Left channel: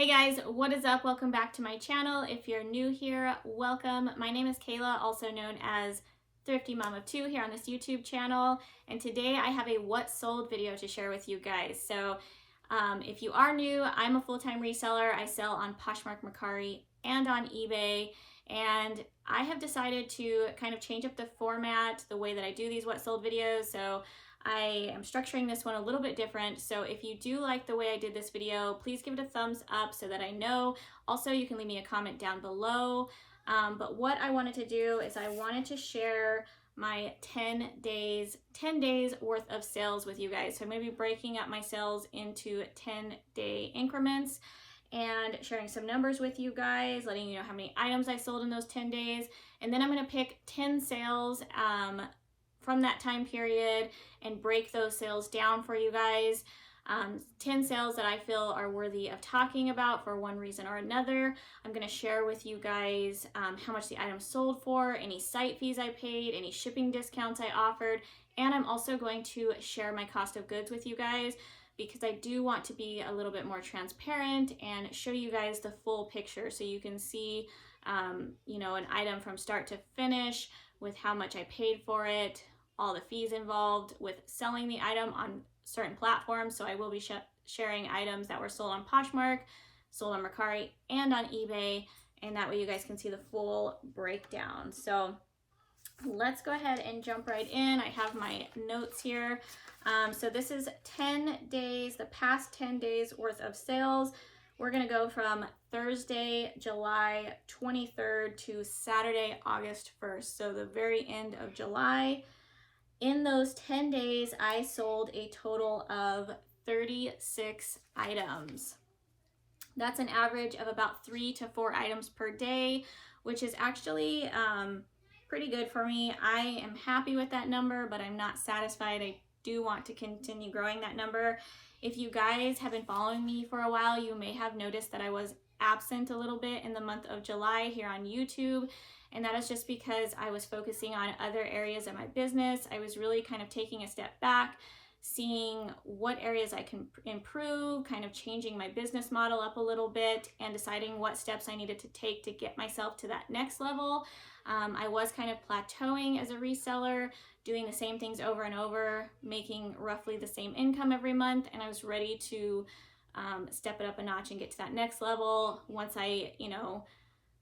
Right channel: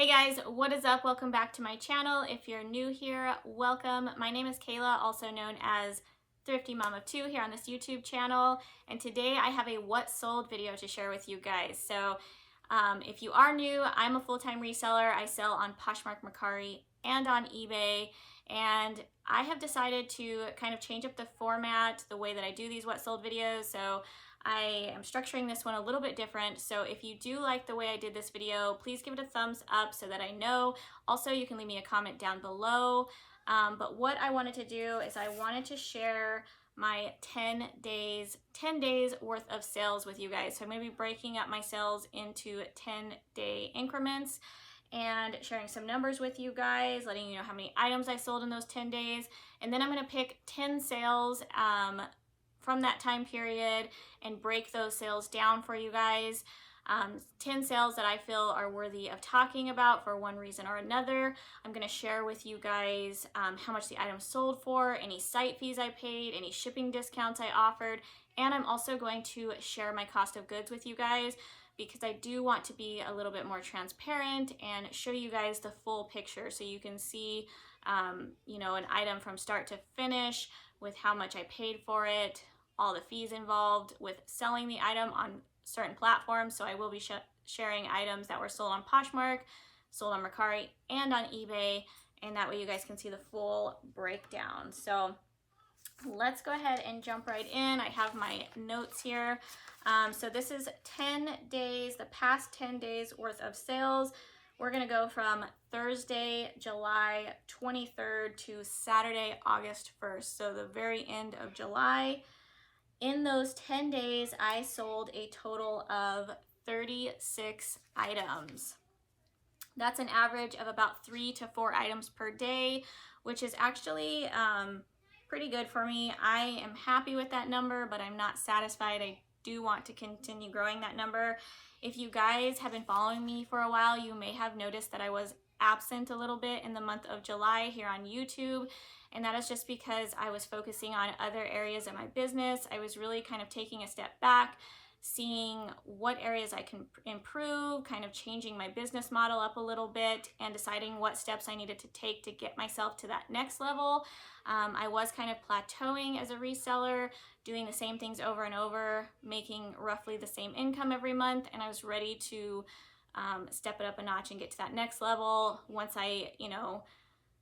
Hey guys, what is up? Welcome back to my channel. If you're new here, welcome. My name is Kayla, also known as Thrifty Mom of Two here on this YouTube channel. And today I have a what sold video to share with you guys. So if you are new, I'm a full-time reseller. I sell on Poshmark, Mercari, and on eBay. And I have decided to kind of change up the format, the way that I do these what sold videos. So I am structuring this one a little bit different. So if you do like the way I did this video, please give it a thumbs up so that I know. Also, you can leave me a comment down below. But what I wanted to do is I wanted to share my 10 days worth of sales with you guys. So I'm going to be breaking up my sales into 10-day increments and sharing some numbers with you guys, letting you know how many items I sold in those 10 days. And then I'm going to pick 10 sales from that time period and break those sales down for you guys. 10 sales that I feel are worthy of talking about for one reason or another. I'm going to share with you guys how much the item sold for, any site fees I paid, any shipping discounts I offered, and I'm also going to share my cost of goods with you guys because I do want to be a little bit more transparent and show you guys the full picture so you can see an item from start to finish with how much I paid for it, all the fees involved with selling the item on certain platforms. So I will be sharing items that were sold on Poshmark, sold on Mercari, and on eBay, and that way you guys can see the full breakdown. So let's go ahead and jump right in. I have my notes here. So this is 10 days, the past 10 days worth of sales. We're gonna go from Thursday, July 23rd to Saturday, August 1st. So the very end of July. In those 10 days, I sold a total of 36 items. That's an average of about 3 to 4 items per day, which is actually pretty good for me. I am happy with that number, but I'm not satisfied. I do want to continue growing that number. If you guys have been following me for a while, you may have noticed that I was absent a little bit in the month of July here on YouTube. And that is just because I was focusing on other areas of my business. I was really kind of taking a step back, seeing what areas I can improve, kind of changing my business model up a little bit and deciding what steps I needed to take to get myself to that next level. I was kind of plateauing as a reseller, doing the same things over and over, making roughly the same income every month. And I was ready to step it up a notch and get to that next level. Once I,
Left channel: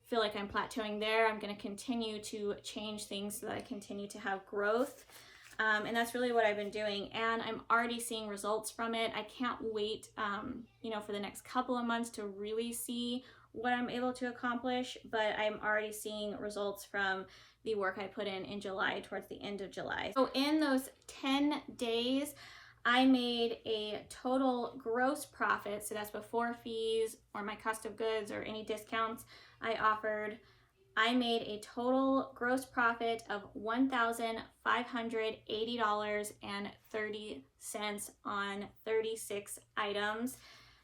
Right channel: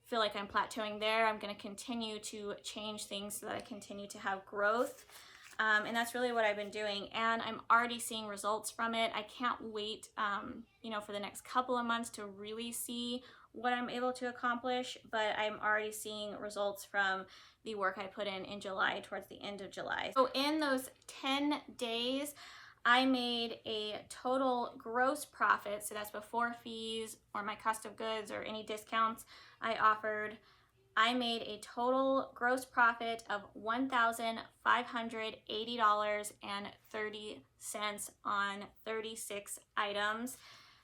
feel like I'm plateauing there, I'm going to continue to change things so that I continue to have growth. And that's really what I've been doing. And I'm already seeing results from it. I can't wait, for the next couple of months to really see what I'm able to accomplish. But I'm already seeing results from the work I put in July, towards the end of July. So in those 10 days, I made a total gross profit. So that's before fees or my cost of goods or any discounts I offered. I made a total gross profit of $1,580.30 on 36 items.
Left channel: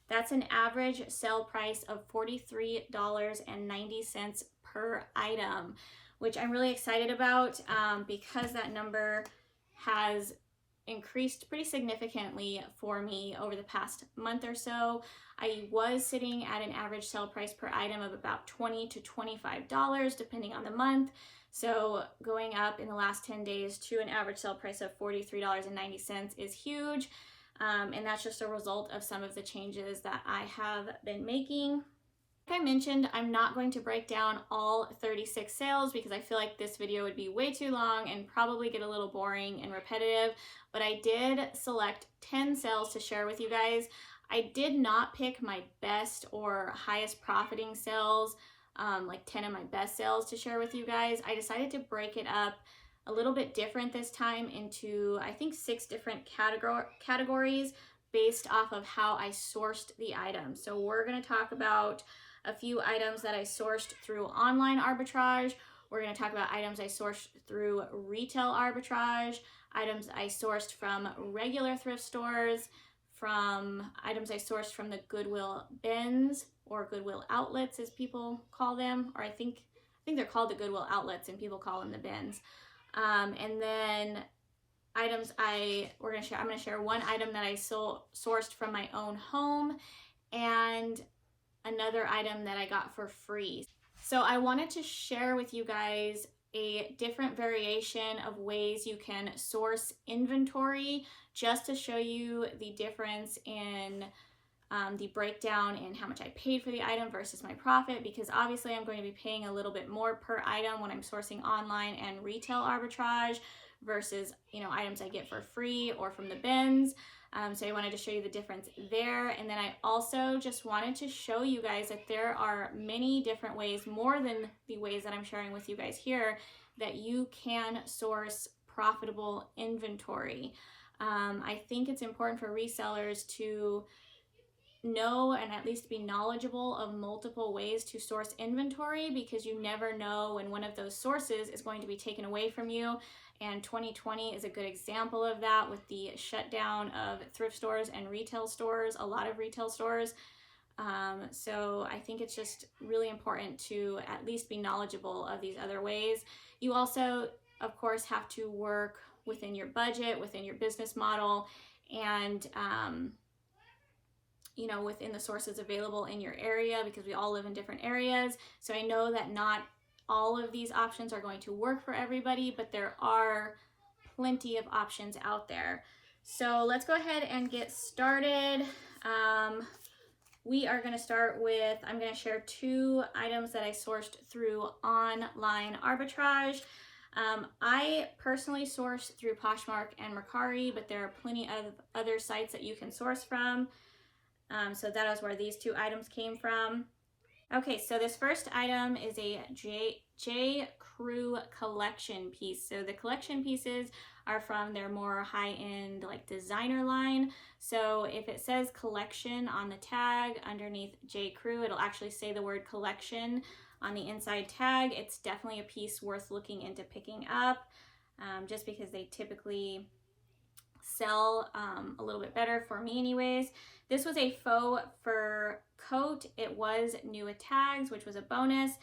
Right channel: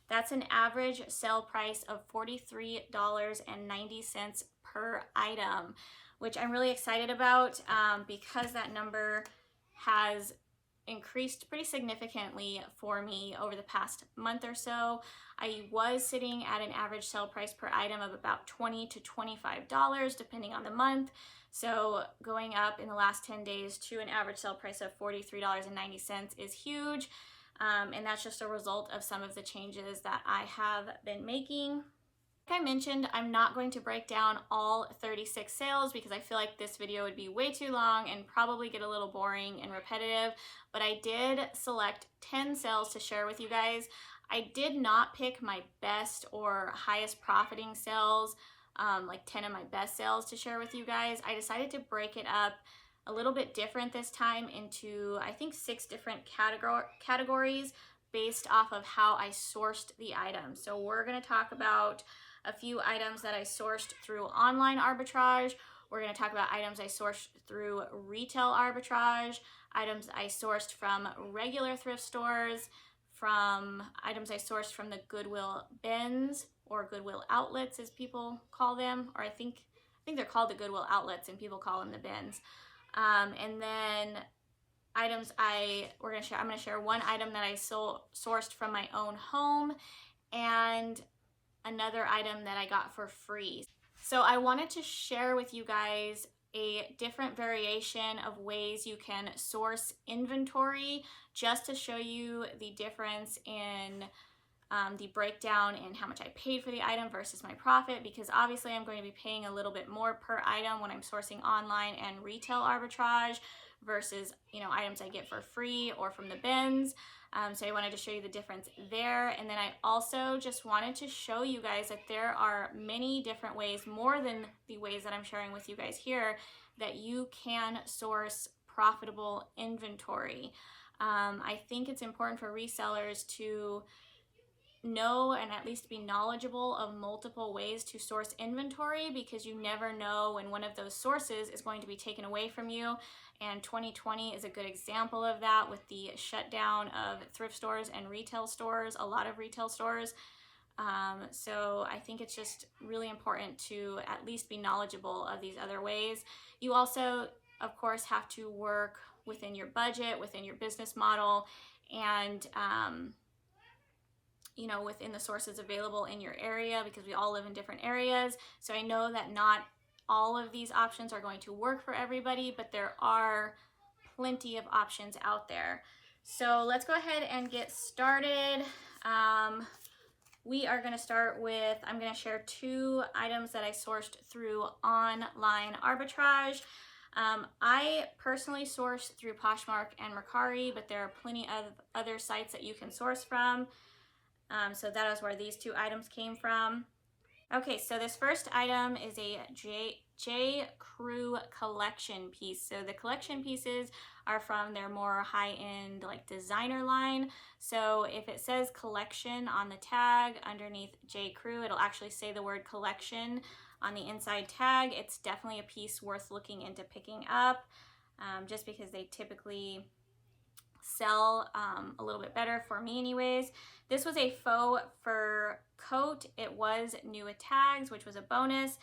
That's an average sale price of $43.90 per item, which I'm really excited about because that number has increased pretty significantly for me over the past month or so. I was sitting at an average sale price per item of about $20 to $25 depending on the month. So going up in the last 10 days to an average sale price of $43.90 is huge. And that's just a result of some of the changes that I have been making. Like I mentioned, I'm not going to break down all 36 sales because I feel like this video would be way too long and probably get a little boring and repetitive, but I did select 10 sales to share with you guys. I did not pick my best or highest profiting sales, like 10 of my best sales to share with you guys. I decided to break it up a little bit different this time into, I think, 6 different categories based off of how I sourced the items. So we're going to talk about a few items that I sourced through online arbitrage. We're going to talk about items I sourced through retail arbitrage, items I sourced from regular thrift stores, from items I sourced from the Goodwill bins or Goodwill outlets as people call them, or I think they're called the Goodwill outlets and people call them the bins. And then items I'm going to share one item that I sourced from my own home, and another item that I got for free. So I wanted to share with you guys a different variation of ways you can source inventory, just to show you the difference in the breakdown in how much I paid for the item versus my profit, because obviously I'm going to be paying a little bit more per item when I'm sourcing online and retail arbitrage versus, items I get for free or from the bins. So I wanted to show you the difference there. And then I also just wanted to show you guys that there are many different ways, more than the ways that I'm sharing with you guys here, that you can source profitable inventory. I think it's important for resellers to know and at least be knowledgeable of multiple ways to source inventory, because you never know when one of those sources is going to be taken away from you. And 2020 is a good example of that, with the shutdown of thrift stores and retail stores, a lot of retail stores. So I think it's just really important to at least be knowledgeable of these other ways. You also, of course, have to work within your budget, within your business model, and within the sources available in your area, because we all live in different areas. So I know that not all of these options are going to work for everybody, but there are plenty of options out there. So let's go ahead and get started. We are going to start with, I'm going to share 2 items that I sourced through online arbitrage. I personally source through Poshmark and Mercari, but there are plenty of other sites that you can source from. So that is where these 2 items came from. Okay, so this first item is a J. Crew collection piece. So the collection pieces are from their more high-end designer line. So if it says collection on the tag underneath J. Crew, it'll actually say the word collection on the inside tag. It's definitely a piece worth looking into picking up, just because they typically sell a little bit better, for me anyways. This was a faux fur coat. It was new with tags, which was a bonus.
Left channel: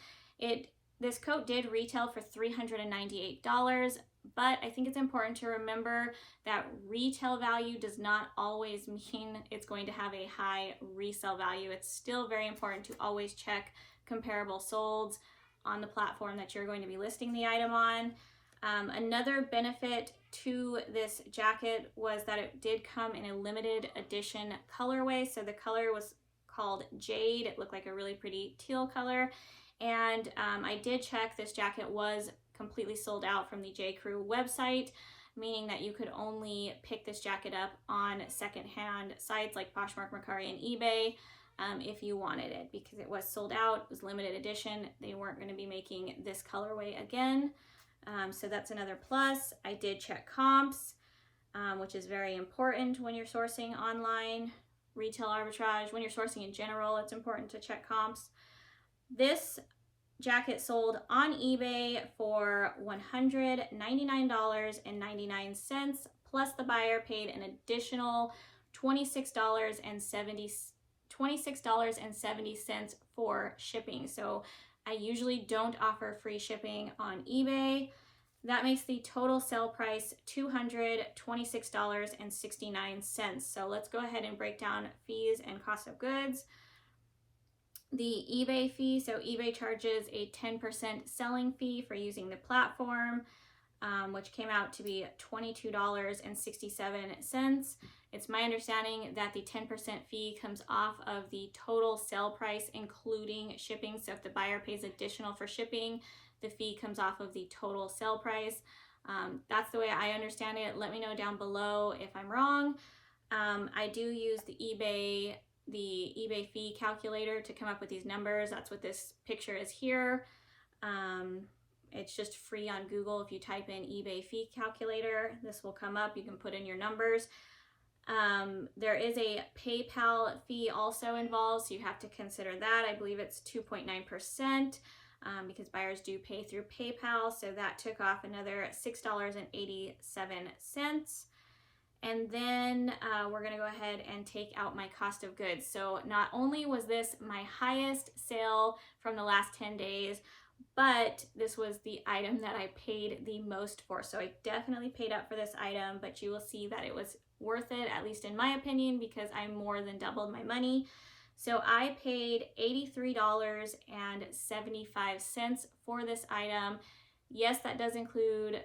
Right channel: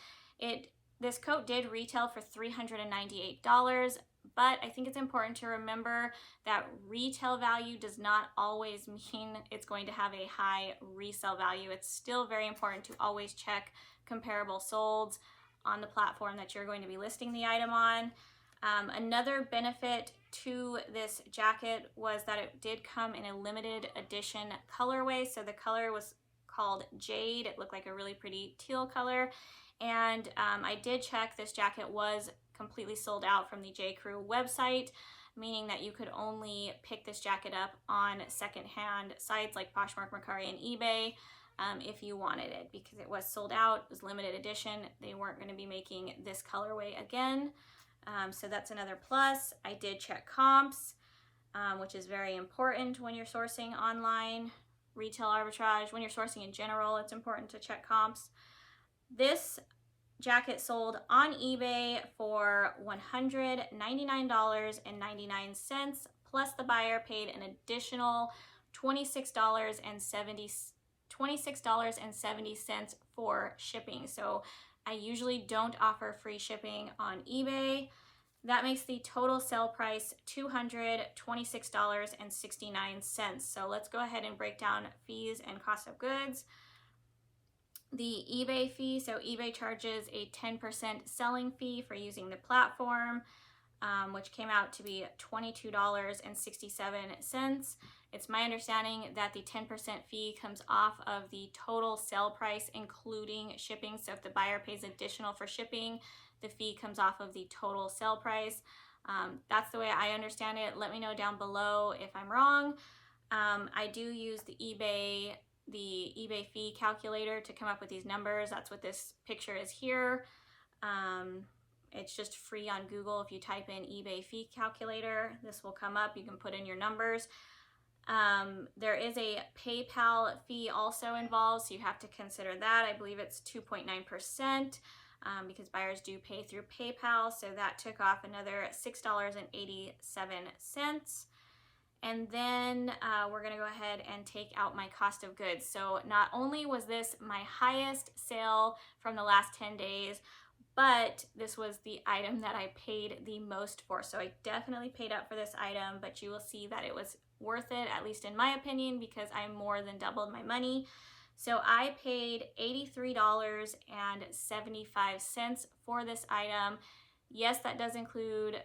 This coat did retail for $398, but I think it's important to remember that retail value does not always mean it's going to have a high resale value. It's still very important to always check comparable solds on the platform that you're going to be listing the item on. Another benefit to this jacket was that it did come in a limited edition colorway. So the color was called Jade. It looked like a really pretty teal color. And I did check, this jacket was completely sold out from the J. Crew website, meaning that you could only pick this jacket up on secondhand sites like Poshmark, Mercari, and Ebay if you wanted it, because it was sold out. It was limited edition. They weren't going to be making this colorway again. So that's another plus. I did check comps, which is very important when you're sourcing online retail arbitrage. When you're sourcing in general, it's important to check comps. This jacket sold on eBay for $199.99, plus the buyer paid an additional $26.70 for shipping. So I usually don't offer free shipping on eBay. That makes the total sale price $226.69. So let's go ahead and break down fees and cost of goods. The eBay fee, so eBay charges a 10% selling fee for using the platform, which came out to be $22.67. It's my understanding that the 10% fee comes off of the total sale price, including shipping. So if the buyer pays additional for shipping, the fee comes off of the total sale price. That's the way I understand it. Let me know down below if I'm wrong. I do use the eBay fee calculator to come up with these numbers. That's what this picture is here. It's just free on Google. If you type in eBay fee calculator, this will come up. You can put in your numbers. There is a PayPal fee also involved, so you have to consider that. I believe it's 2.9%, because buyers do pay through PayPal, so that took off another $6.87. And then we're going to go ahead and take out my cost of goods. So not only was this my highest sale from the last 10 days, but this was the item that I paid the most for. So I definitely paid up for this item, but you will see that it was worth it, at least in my opinion, because I more than doubled my money. So I paid $83.75 for this item. Yes, that does include,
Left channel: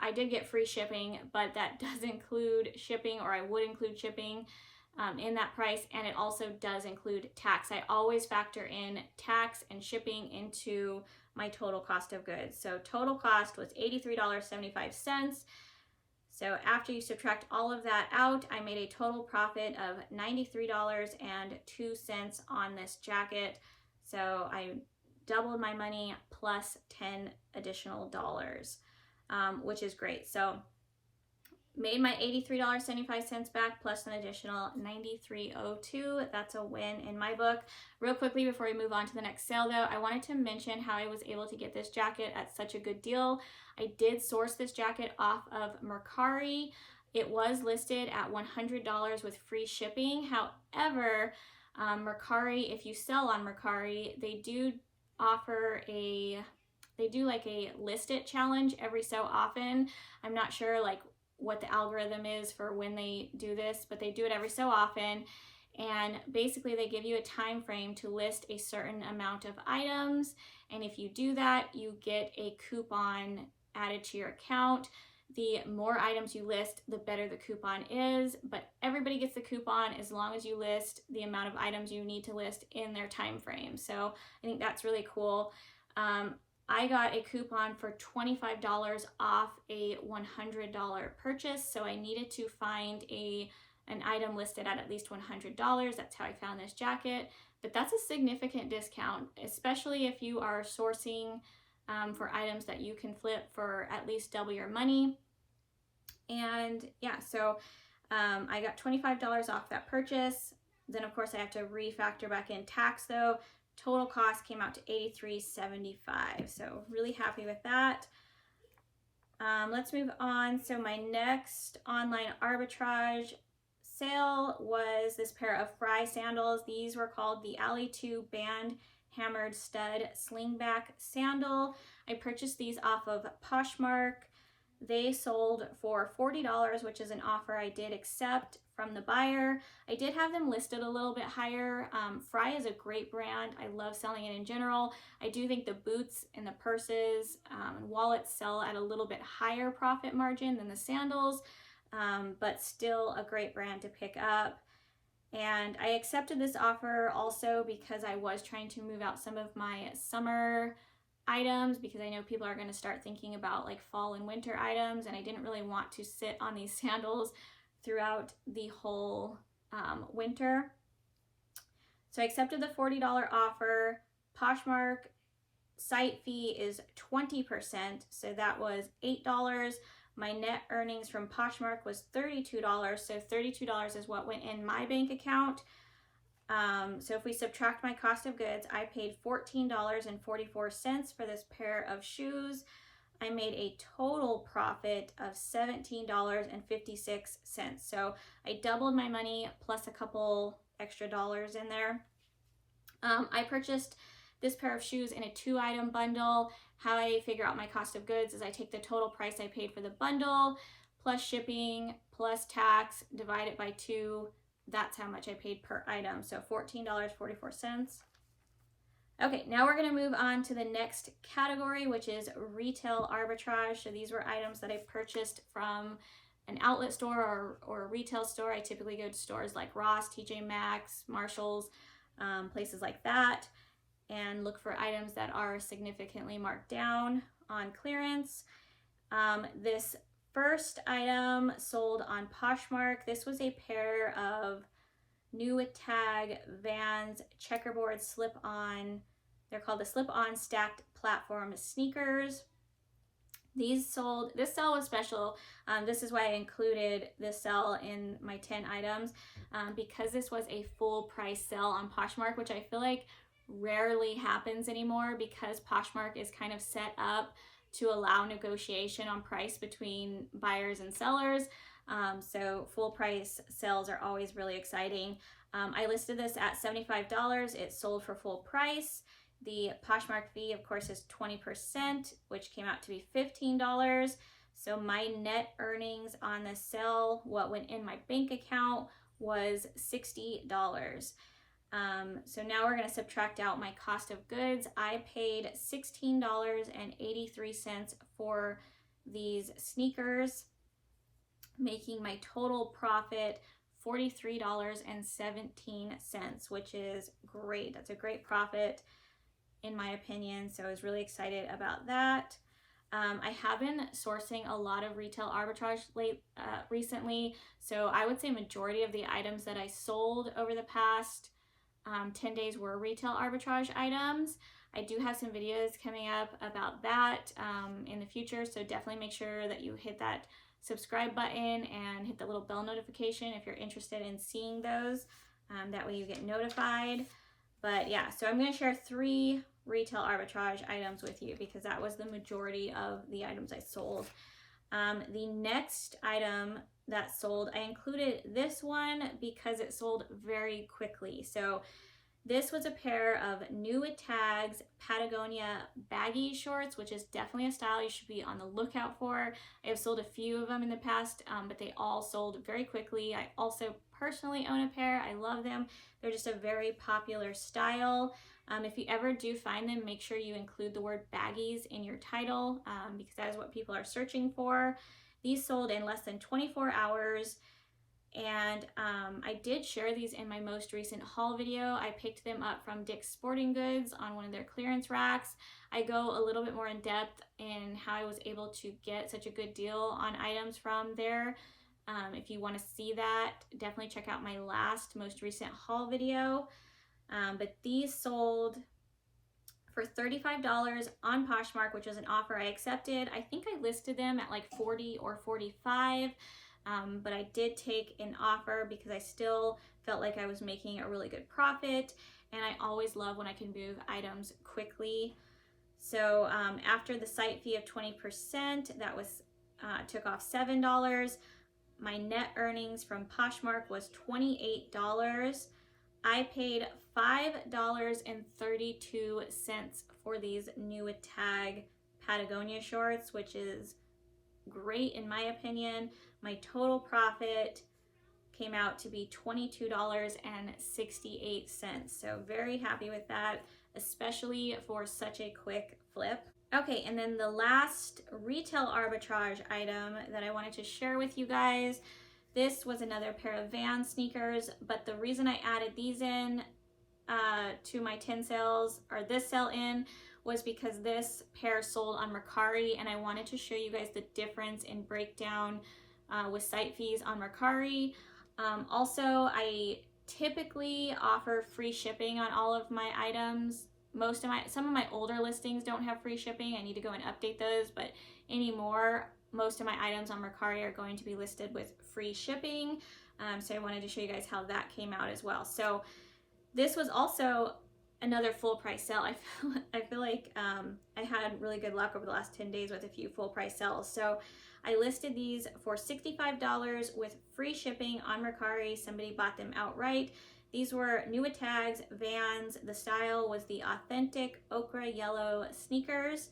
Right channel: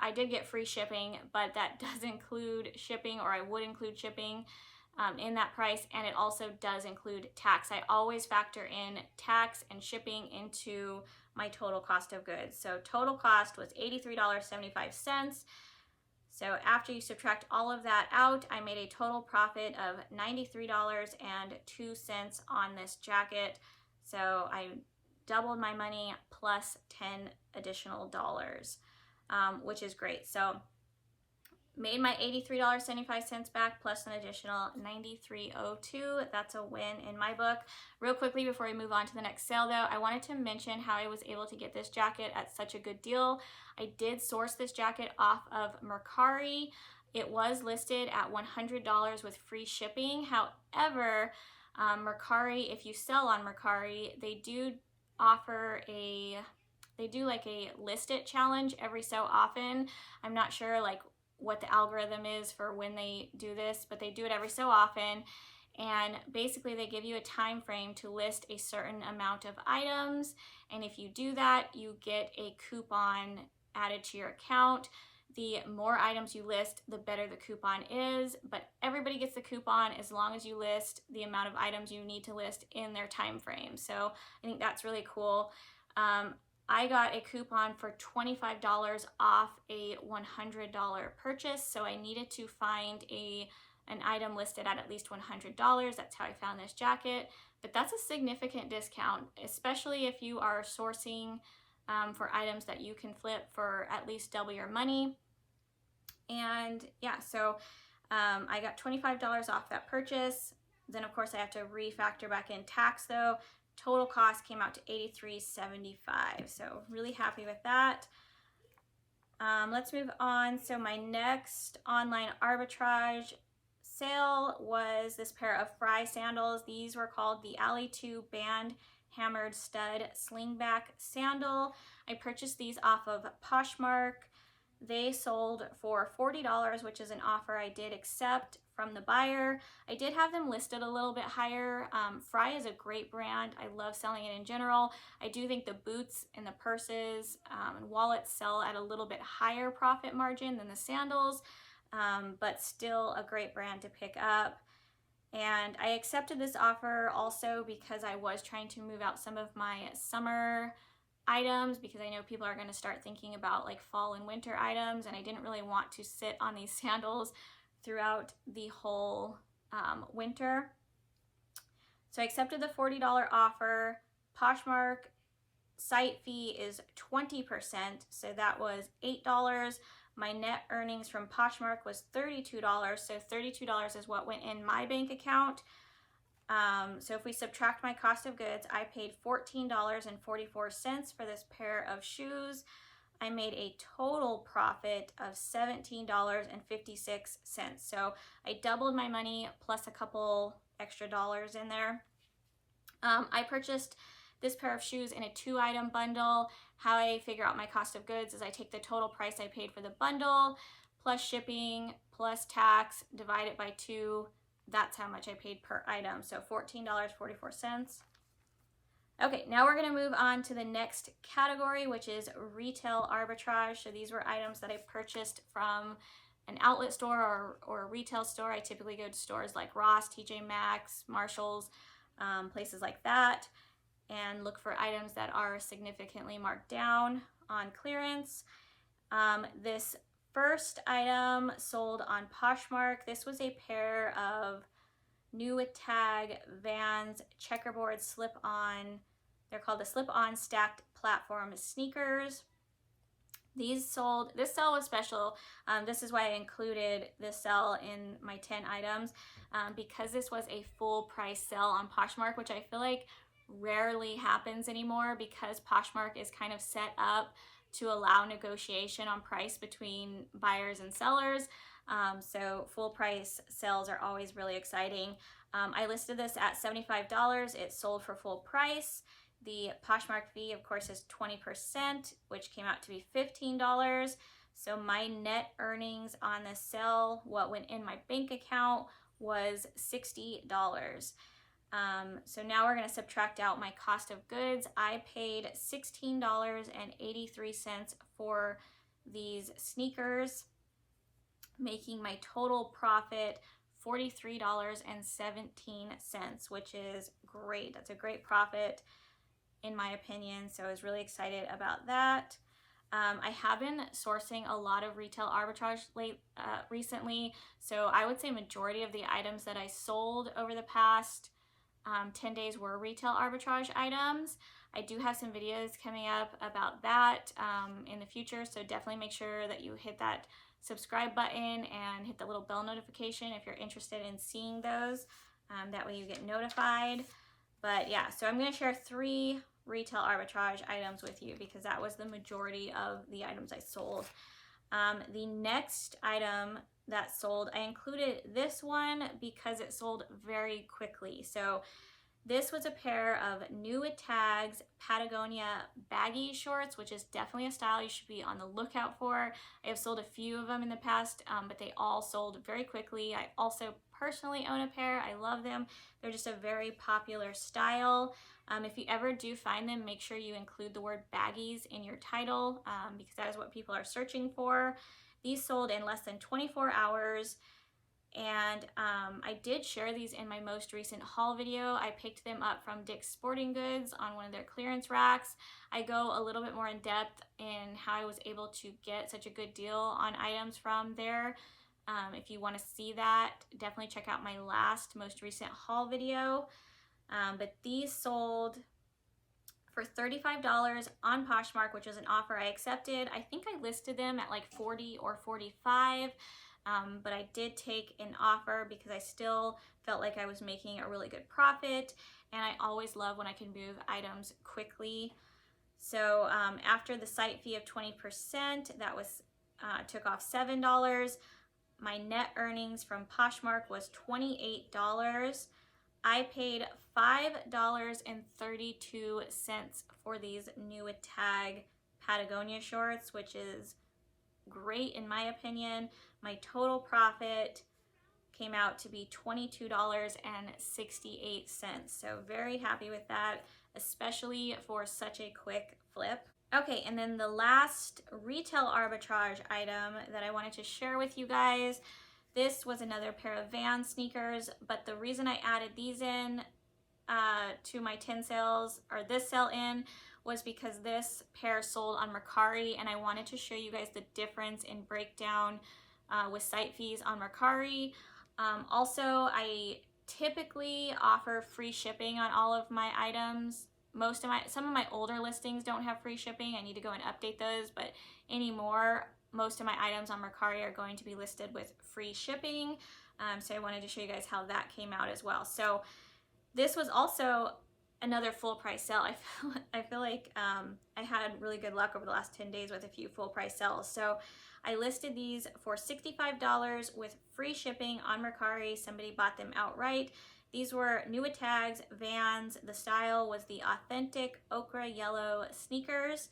I did get free shipping, but that does include shipping, or I would include shipping in that price, and it also does include tax. I always factor in tax and shipping into my total cost of goods. So total cost was $83.75. So after you subtract all of that out, I made a total profit of $93.02 on this jacket. So I doubled my money plus 10 additional dollars, which is great. So made my $83.75 back plus an additional $93.02. That's a win in my book. Real quickly before we move on to the next sale though, I wanted to mention how I was able to get this jacket at such a good deal. I did source this jacket off of Mercari. It was listed at $100 with free shipping. However, Mercari, if you sell on Mercari, they do offer like a list it challenge every so often. I'm not sure like what the algorithm is for when they do this, but they do it every so often. And basically they give you a time frame to list a certain amount of items. And if you do that, you get a coupon added to your account. The more items you list, the better the coupon is, but everybody gets the coupon as long as you list the amount of items you need to list in their time frame. So I think that's really cool. I got a coupon for $25 off a $100 purchase, so I needed to find an item listed at least $100. That's how I found this jacket, but that's a significant discount, especially if you are sourcing for items that you can flip for at least double your money. And yeah, so I got $25 off that purchase. Then of course I have to refactor back in tax though. Total cost came out to $83.75. So really happy with that. Let's move on. So my next online arbitrage sale was this pair of Fry sandals. These were called the Alley 2 Band Hammered Stud Slingback Sandal. I purchased these off of Poshmark. They sold for $40, which is an offer I did accept from the buyer. I did have them listed a little bit higher. Fry is a great brand. I love selling it in general. I do think the boots and the purses and wallets sell at a little bit higher profit margin than the sandals, but still a great brand to pick up. And I accepted this offer also because I was trying to move out some of my summer items, because I know people are going to start thinking about like fall and winter items, and I didn't really want to sit on these sandals throughout the whole winter. So I accepted the $40 offer. Poshmark site fee is 20%, so that was $8. My net earnings from Poshmark was $32, so $32 is what went in my bank account. So if we subtract my cost of goods, I paid $14.44 for this pair of shoes. I made a total profit of $17.56. So I doubled my money plus a couple extra dollars in there. I purchased this pair of shoes in a 2-item bundle. How I figure out my cost of goods is I take the total price I paid for the bundle plus shipping plus tax, divide it by 2. That's how much I paid per item. So $14.44. Okay, now we're going to move on to the next category, which is retail arbitrage. So these were items that I purchased from an outlet store or a retail store. I typically go to stores like Ross, TJ Maxx, Marshalls, places like that, and look for items that are significantly marked down on clearance. This first item sold on Poshmark. This was a pair of new tag Vans checkerboard slip-on. They're called the slip-on stacked platform sneakers. These sold, this sale was special. This is why I included this sale in my 10 items, because this was a full price sale on Poshmark, which I feel like rarely happens anymore, because Poshmark is kind of set up to allow negotiation on price between buyers and sellers. So full price sales are always really exciting. I listed this at $75. It sold for full price. The Poshmark fee, of course, is 20%, which came out to be $15. So my net earnings on this sale, what went in my bank account, was $60. So now we're going to subtract out my cost of goods. I paid $16.83 for these sneakers, making my total profit $43.17, which is great. That's a great profit in my opinion. So I was really excited about that. I have been sourcing a lot of retail arbitrage recently. So I would say majority of the items that I sold over the past 10 days were retail arbitrage items. I do have some videos coming up about that in the future, so definitely make sure that you hit that subscribe button and hit the little bell notification if you're interested in seeing those. That way you get notified. But yeah, so I'm going to share 3 retail arbitrage items with you because that was the majority of the items I sold. The next item that sold, I included this one because it sold very quickly. So this was a pair of new with tags Patagonia baggy shorts, which is definitely a style you should be on the lookout for. I have sold a few of them in the past, but they all sold very quickly. I also personally own a pair. I love them. They're just a very popular style. If you ever do find them, make sure you include the word baggies in your title because that is what people are searching for. These sold in less than 24 hours. And I did share these in my most recent haul video. I picked them up from Dick's Sporting Goods on one of their clearance racks. I go a little bit more in depth in how I was able to get such a good deal on items from there. If you want to see that, definitely check out my most recent haul video. But these sold for $35 on Poshmark, which was an offer I accepted. I think I listed them at like $40 or $45. But I did take an offer because I still felt like I was making a really good profit, and I always love when I can move items quickly. So after the site fee of 20%, that was took off $7. My net earnings from Poshmark was $28. I paid $5.32 for these new with tag Patagonia shorts, which is great in my opinion. My total profit came out to be $22.68. So very happy with that, especially for such a quick flip. Okay, and then the last retail arbitrage item that I wanted to share with you guys, this was another pair of Vans sneakers, but the reason I added these in to my 10 sales, or this sell in, was because this pair sold on Mercari, and I wanted to show you guys the difference in breakdown with site fees on Mercari. Also, I typically offer free shipping on all of my items. Some of my older listings don't have free shipping. I need to go and update those, but anymore, most of my items on Mercari are going to be listed with free shipping. So I wanted to show you guys how that came out as well. So this was also another full price sale. I feel like I had really good luck over the last 10 days with a few full price sales. So I listed these for $65 with free shipping on Mercari. Somebody bought them outright. These were new with tags, Vans. The style was the authentic ochre yellow sneakers.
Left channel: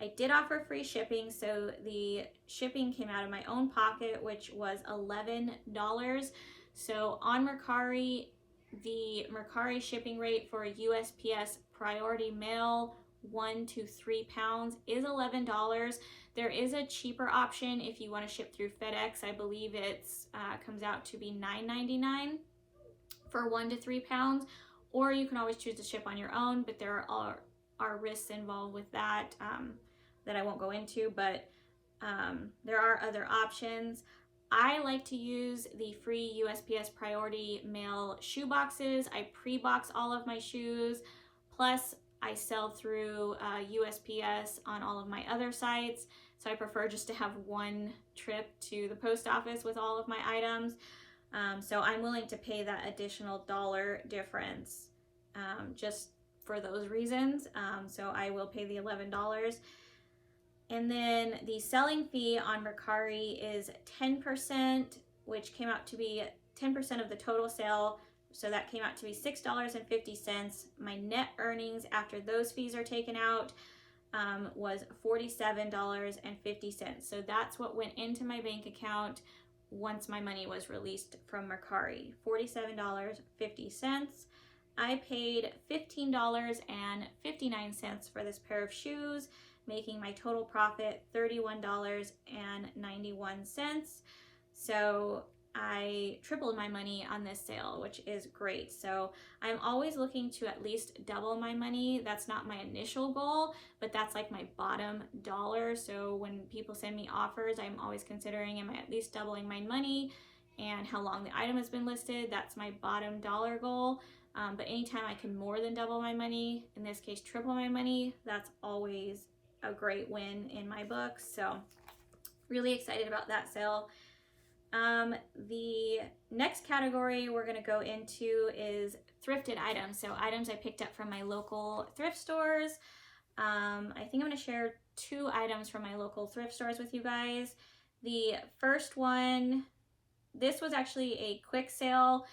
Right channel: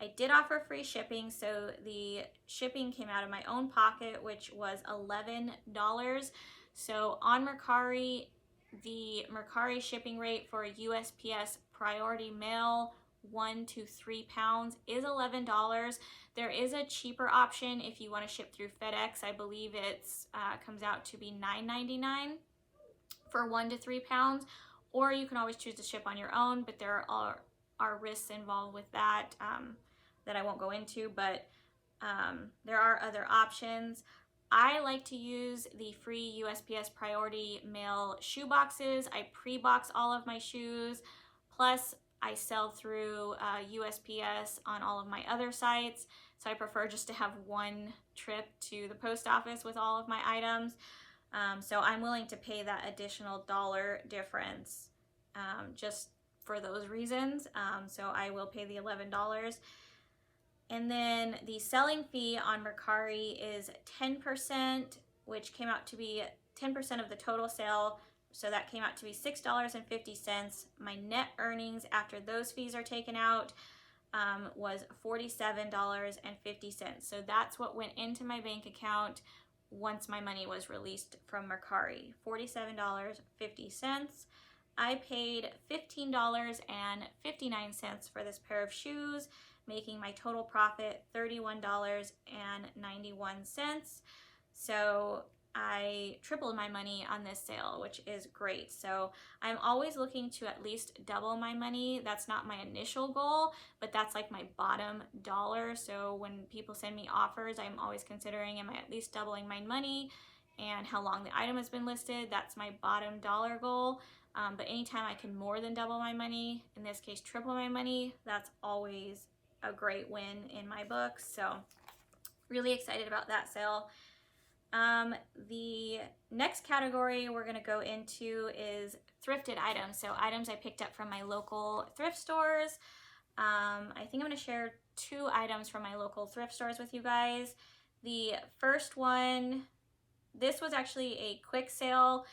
I did offer free shipping, so the shipping came out of my own pocket, which was $11. So on Mercari, the Mercari shipping rate for USPS priority mail 1 to 3 pounds is $11. There is a cheaper option if you want to ship through FedEx. I believe it's comes out to be $9.99 for 1 to 3 pounds, or you can always choose to ship on your own, but there are risks involved with that that I won't go into, but there are other options. I like to use the free USPS priority mail shoe boxes. I pre-box all of my shoes, plus I sell through USPS on all of my other sites, so I prefer just to have one trip to the post office with all of my items. So I'm willing to pay that additional dollar difference just for those reasons. So I will pay the $11. And then the selling fee on Mercari is 10%, which came out to be 10% of the total sale. So that came out to be $6.50. My net earnings after those fees are taken out was $47.50. So that's what went into my bank account once my money was released from Mercari, $47.50. I paid $15.59 for this pair of shoes, making my total profit $31.91. So I tripled my money on this sale, which is great. So I'm always looking to at least double my money. That's not my initial goal, but that's like my bottom dollar. So when people send me offers, I'm always considering, am I at least doubling my money and how long the item has been listed? That's my bottom dollar goal. But anytime I can more than double my money, in this case triple my money, that's always a great win in my book. So really excited about that sale. The next category we're going to go into is thrifted items. So items I picked up from my local thrift stores. I think I'm going to share 2 items from my local thrift stores with you guys. The first one, this was actually a quick sale.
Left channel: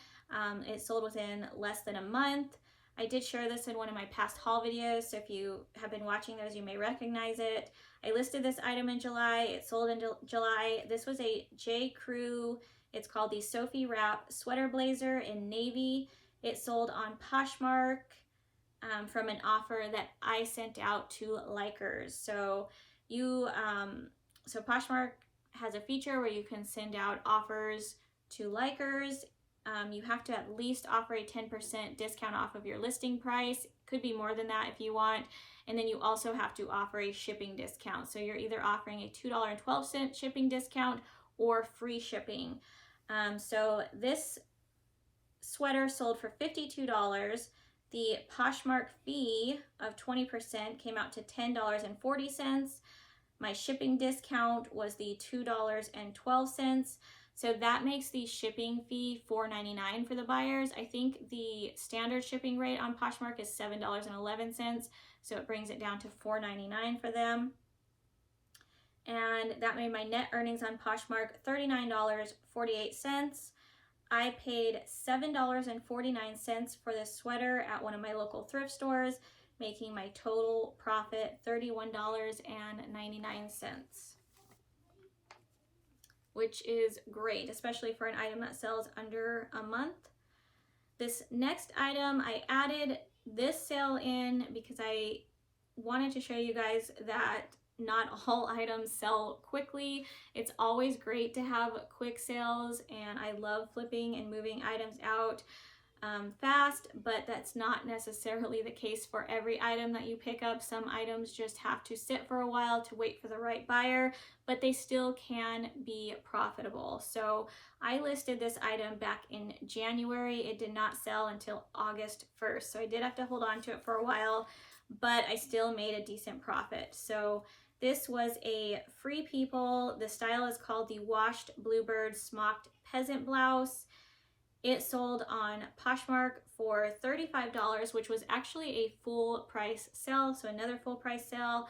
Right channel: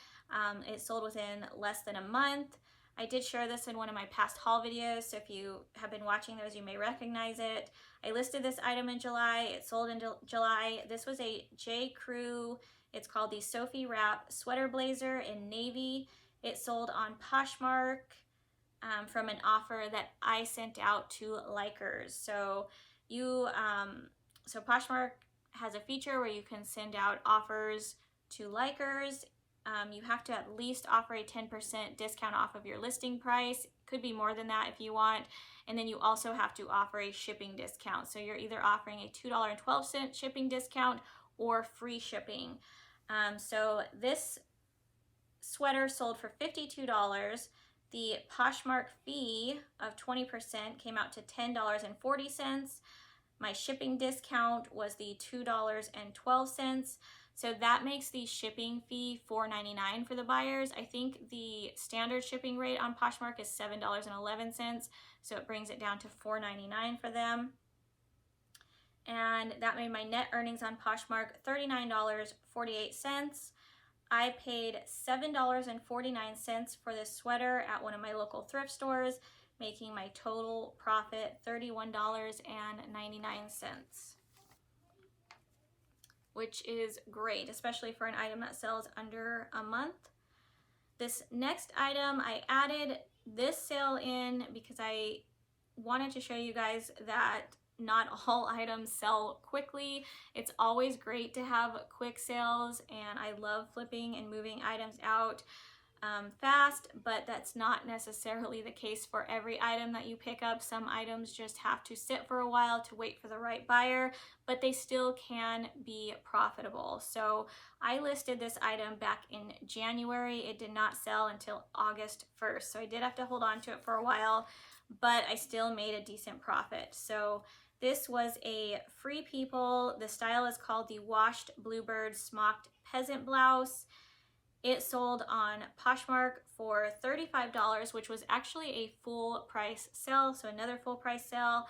It sold within less than a month. I did share this in one of my past haul videos, so if you have been watching those, you may recognize it. I listed this item in July. It sold in July. This was a J. Crew. It's called the Sophie Wrap Sweater Blazer in navy. It sold on Poshmark from an offer that I sent out to likers. So so Poshmark has a feature where you can send out offers to likers. You have to at least offer a 10% discount off of your listing price. Could be more than that if you want. And then you also have to offer a shipping discount. So you're either offering a $2.12 shipping discount or free shipping. So this sweater sold for $52. The Poshmark fee of 20% came out to $10.40. My shipping discount was the $2.12. So that makes the shipping fee $4.99 for the buyers. I think the standard shipping rate on Poshmark is $7.11, so it brings it down to $4.99 for them. And that made my net earnings on Poshmark $39.48. I paid $7.49 for this sweater at one of my local thrift stores, making my total profit $31.99. Which is great, especially for an item that sells under a month. This next item, I added this sale in because I wanted to show you guys that not all items sell quickly. It's always great to have quick sales, and I love flipping and moving items out fast, but that's not necessarily the case for every item that you pick up. Some items just have to sit for a while to wait for the right buyer, but they still can be profitable. So I listed this item back in January. It did not sell until August 1st. So I did have to hold on to it for a while, but I still made a decent profit. So this was a Free People. The style is called the Washed Bluebird Smocked Peasant Blouse. It sold on Poshmark for $35, which was actually a full price sale. So another full price sale.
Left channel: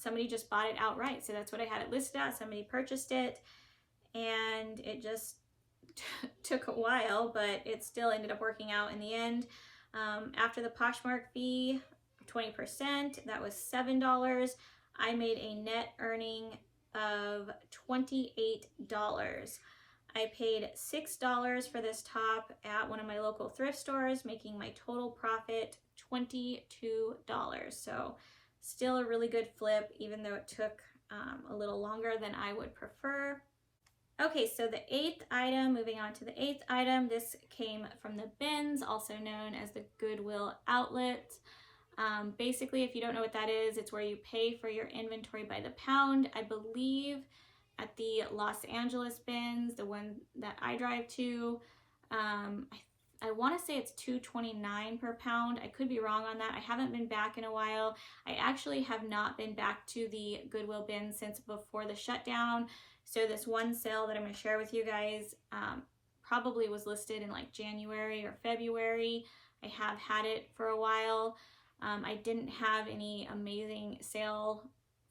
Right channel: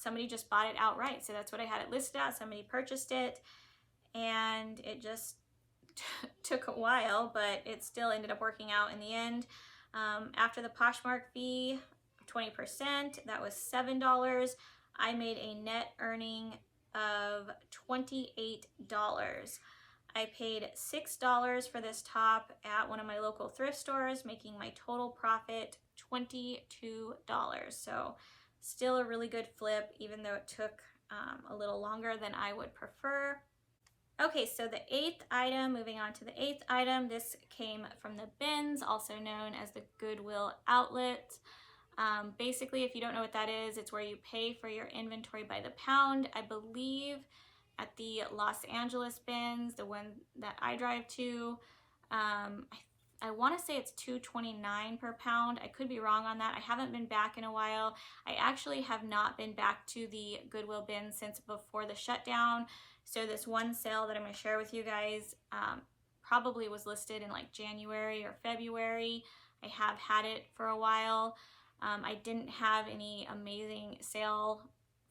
Somebody just bought it outright. So that's what I had it listed at. Somebody purchased it, and it just took a while, but it still ended up working out in the end. After the Poshmark fee, 20%, that was $7. I made a net earning of $28. I paid $6 for this top at one of my local thrift stores, making my total profit $22. So still a really good flip, even though it took a little longer than I would prefer. Okay, so the 8th item, moving on to the 8th item, this came from the bins, also known as the Goodwill outlet. Basically, if you don't know what that is, it's where you pay for your inventory by the pound. I believe at the Los Angeles bins, the one that I drive to, I want to say it's $2.29 per pound. I could be wrong on that. I haven't been back in a while. I actually have not been back to the Goodwill bin since before the shutdown. So this one sale that I'm going to share with you guys probably was listed in like January or February. I have had it for a while. I didn't have any amazing sale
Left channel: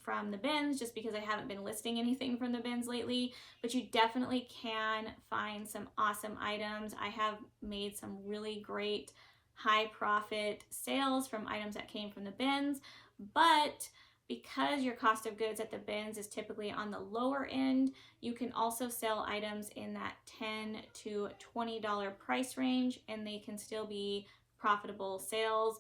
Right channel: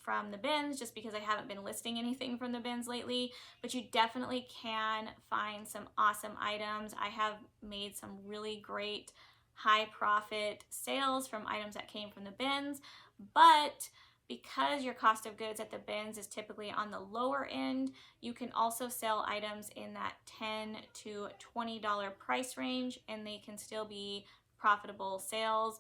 from the bins just because I haven't been listing anything from the bins lately, but you definitely can find some awesome items. I have made some really great high profit sales from items that came from the bins, but because your cost of goods at the bins is typically on the lower end, you can also sell items in that $10 to $20 price range, and they can still be profitable sales,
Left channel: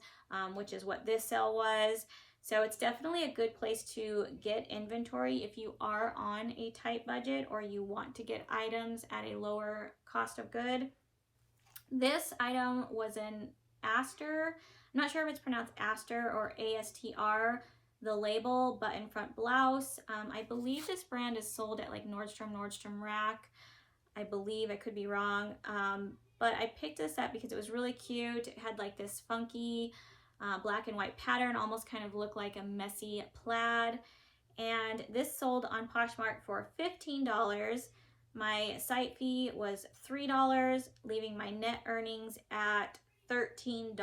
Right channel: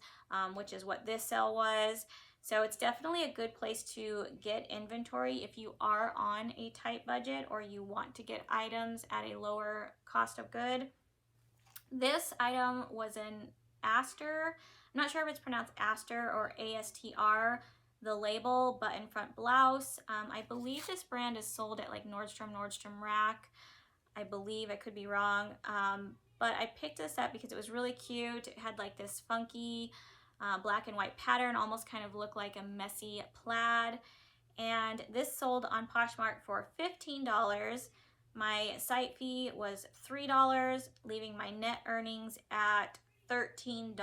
which is what this sale was. So it's definitely a good place to get inventory if you are on a tight budget or you want to get items at a lower cost of good. This item was an Aster. I'm not sure if it's pronounced Aster or ASTR, the label button front blouse. I believe this brand is sold at like Nordstrom Rack. I believe, I could be wrong. But I picked this up because it was really cute. It had like this funky black and white pattern, almost kind of looked like a messy plaid. And this sold on Poshmark for $15. My site fee was $3, leaving my net earnings at $13.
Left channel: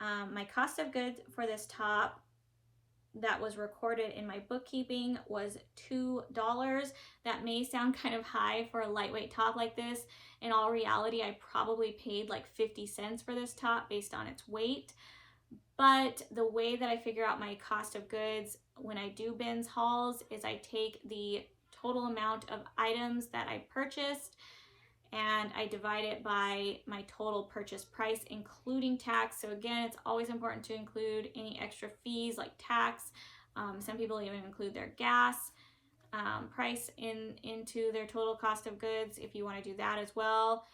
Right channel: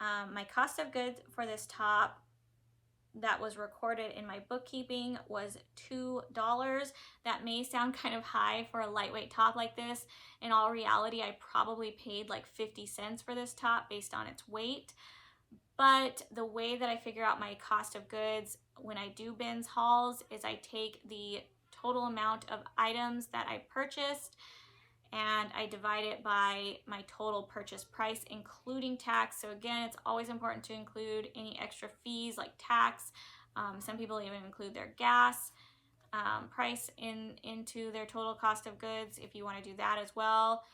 My cost of goods for this top that was recorded in my bookkeeping was $2. That may sound kind of high for a lightweight top like this. In all reality, I probably paid like 50 cents for this top based on its weight. But the way that I figure out my cost of goods when I do bins hauls is I take the total amount of items that I purchased and I divide it by my total purchase price, including tax. So again, it's always important to include any extra fees like tax. Some people even include their gas price into their total cost of goods if you want to do that as well.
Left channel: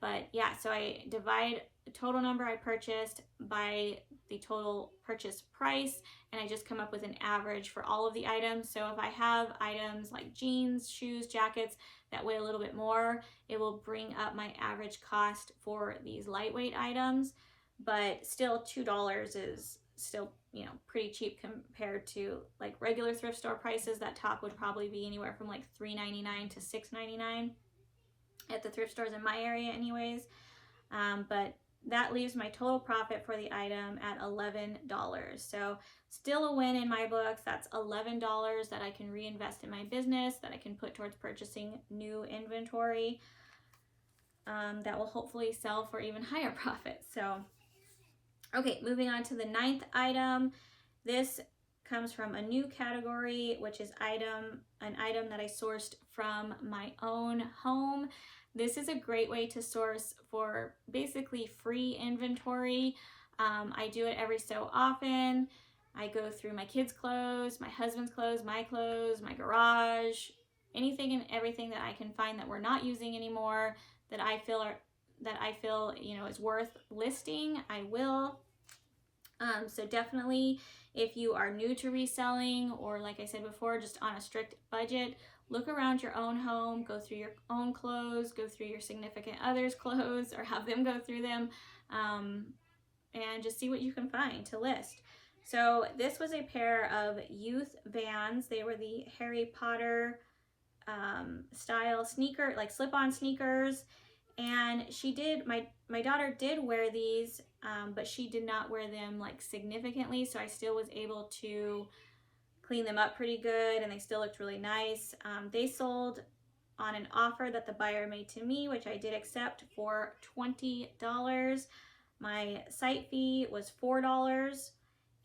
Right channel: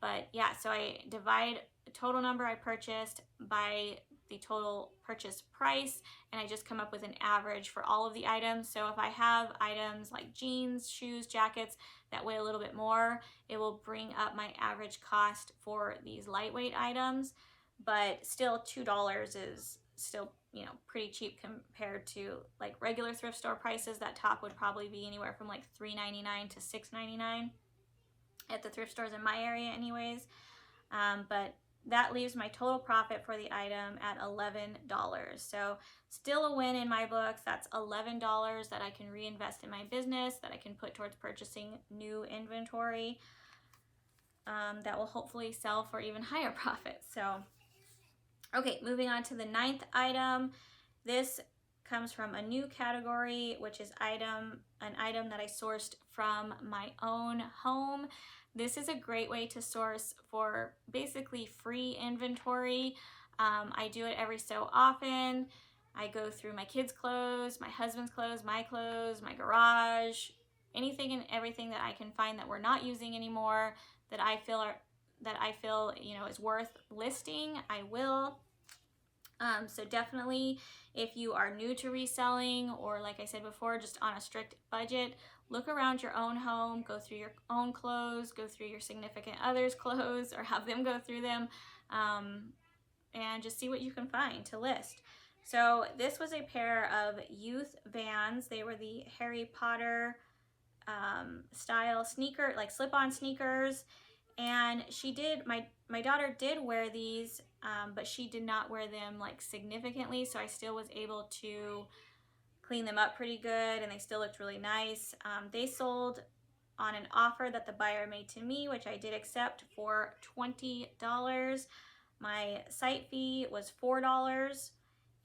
But yeah, so I divide the total number I purchased by the total purchase price, and I just come up with an average for all of the items. So if I have items like jeans, shoes, jackets that weigh a little bit more, it will bring up my average cost for these lightweight items. But still, $2 is still, you know, pretty cheap compared to like regular thrift store prices. That top would probably be anywhere from like $3.99 to $6.99 at the thrift stores in my area anyways. But that leaves my total profit for the item at $11. So still a win in my books. That's $11 that I can reinvest in my business, that I can put towards purchasing new inventory that will hopefully sell for even higher profits. So, okay, moving on to the 9th item. This comes from a new category, which is an item that I sourced from my own home. This is a great way to source for basically free inventory. I do it every so often. I go through my kids' clothes, my husband's clothes, my garage, anything and everything that I can find that we're not using anymore that I feel, you know, is worth listing, I will. So definitely, if you are new to reselling, or like I said before, just on a strict budget, look around your own home, go through your own clothes, go through your significant other's clothes, or have them go through them, and just see what you can find to list. So this was a pair of youth Vans. They were the Harry Potter style sneaker, like slip-on sneakers. And my daughter did wear these, but she did not wear them like significantly. So I still was able to clean them up pretty good, and they still looked really nice. They sold on an offer that the buyer made to me, which I did accept, for $20. My site fee was $4,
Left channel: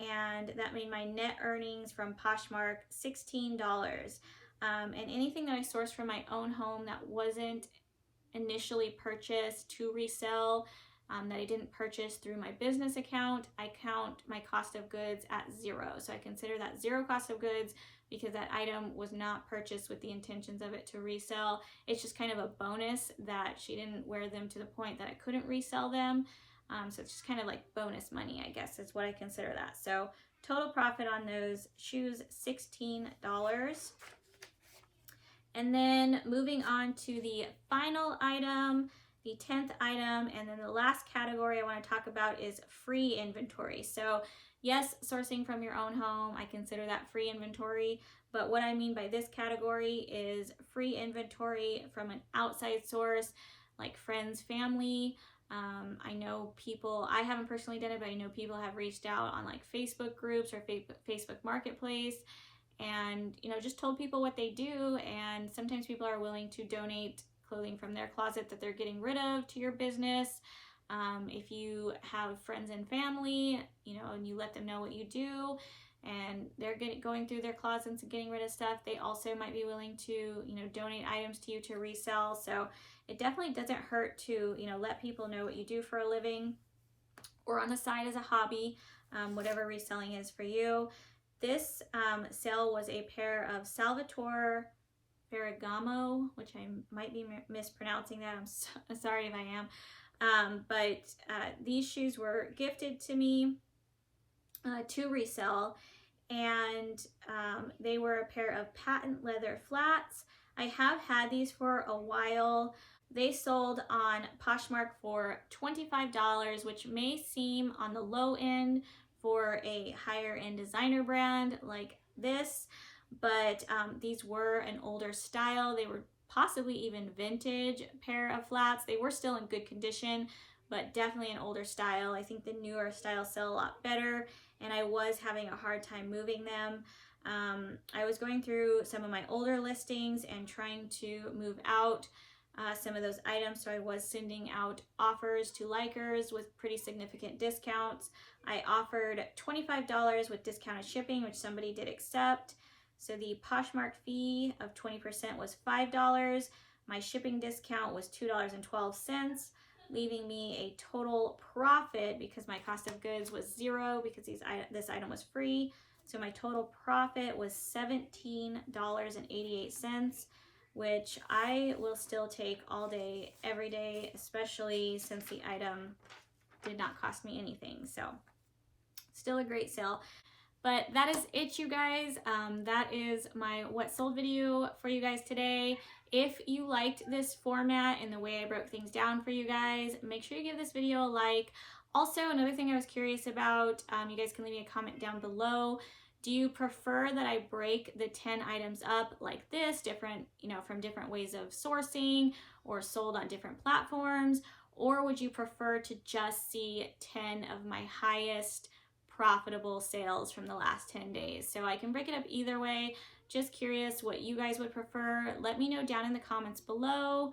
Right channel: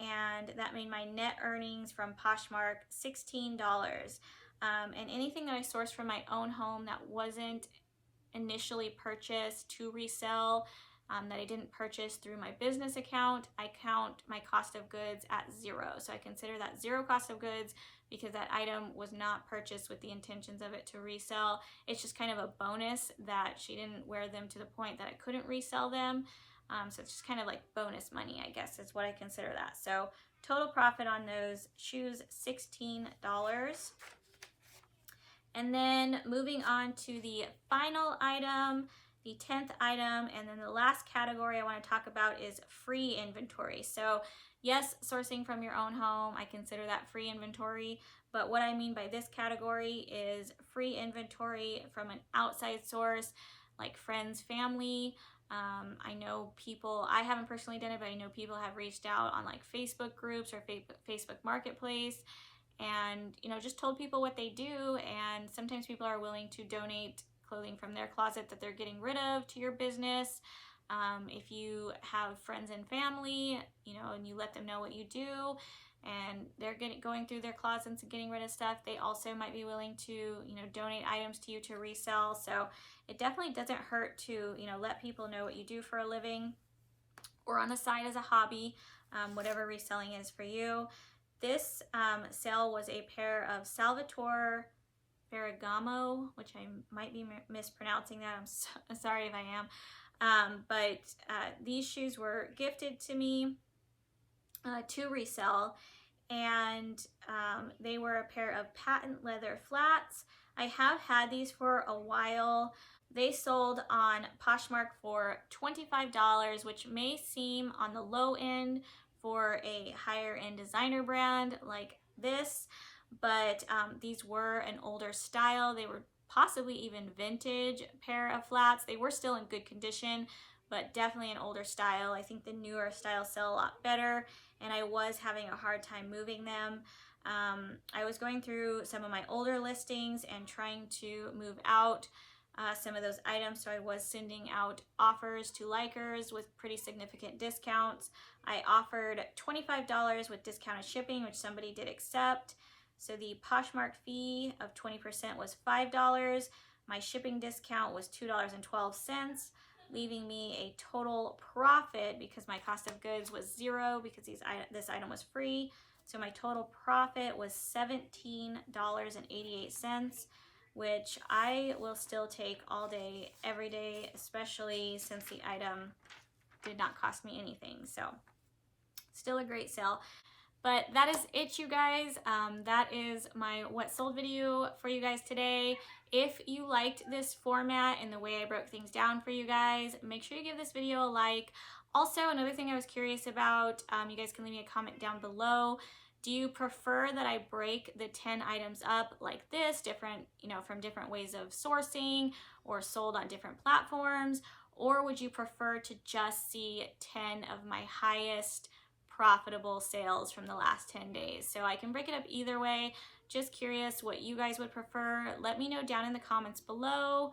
and that made my net earnings from Poshmark $16. And anything that I sourced from my own home that wasn't initially purchased to resell, that I didn't purchase through my business account, I count my cost of goods at 0. So I consider that 0 cost of goods because that item was not purchased with the intentions of it to resell. It's just kind of a bonus that she didn't wear them to the point that I couldn't resell them. So it's just kind of like bonus money, I guess, is what I consider that. So total profit on those shoes, $16. And then moving on to the final item, the 10th item, and then the last category I want to talk about is free inventory. So yes, sourcing from your own home, I consider that free inventory. But what I mean by this category is free inventory from an outside source, like friends, family. I know people, I haven't personally done it, but I know people have reached out on like Facebook groups or Facebook Marketplace, and, you know, just told people what they do. And sometimes people are willing to donate clothing from their closet that they're getting rid of to your business. If you have friends and family, you know, and you let them know what you do, and they're going through their closets and getting rid of stuff, they also might be willing to, you know, donate items to you to resell. So it definitely doesn't hurt to, you know, let people know what you do for a living or on the side as a hobby, whatever reselling is for you. This sale was a pair of Salvatore Ferragamo, which I might be mispronouncing that. I'm sorry if I am. But these shoes were gifted to me to resell, and they were a pair of patent leather flats. I have had these for a while. They sold on Poshmark for $25, which may seem on the low end for a higher end designer brand like this, but these were an older style. They were possibly even vintage pair of flats. They were still in good condition, but definitely an older style. I think the newer styles sell a lot better, and I was having a hard time moving them. I was going through some of my older listings and trying to move out some of those items, so I was sending out offers to likers with pretty significant discounts. I offered $25 with discounted shipping, which somebody did accept. So the Poshmark fee of 20% was $5. My shipping discount was $2.12, leaving me a total profit, because my cost of goods was $0 because this item was free. So my total profit was $17.88, which I will still take all day, every day, especially since the item did not cost me anything. So still a great sale. But that is it, you guys. That is my what sold video for you guys today. If you liked this format and the way I broke things down for you guys, make sure you give this video a like. Also, another thing I was curious about, you guys can leave me a comment down below. Do you prefer that I break the 10 items up like this, different, you know, from different ways of sourcing or sold on different platforms? Or would you prefer to just see 10 of my highest profitable sales from the last 10 days? So I can break it up either way. Just curious what you guys would prefer. Let me know down in the comments below.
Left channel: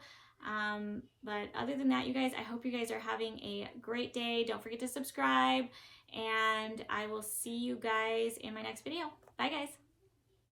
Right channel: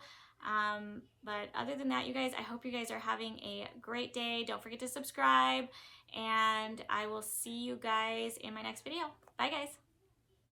But other than that, you guys, I hope you guys are having a great day. Don't forget to subscribe, and I will see you guys in my next video. Bye, guys.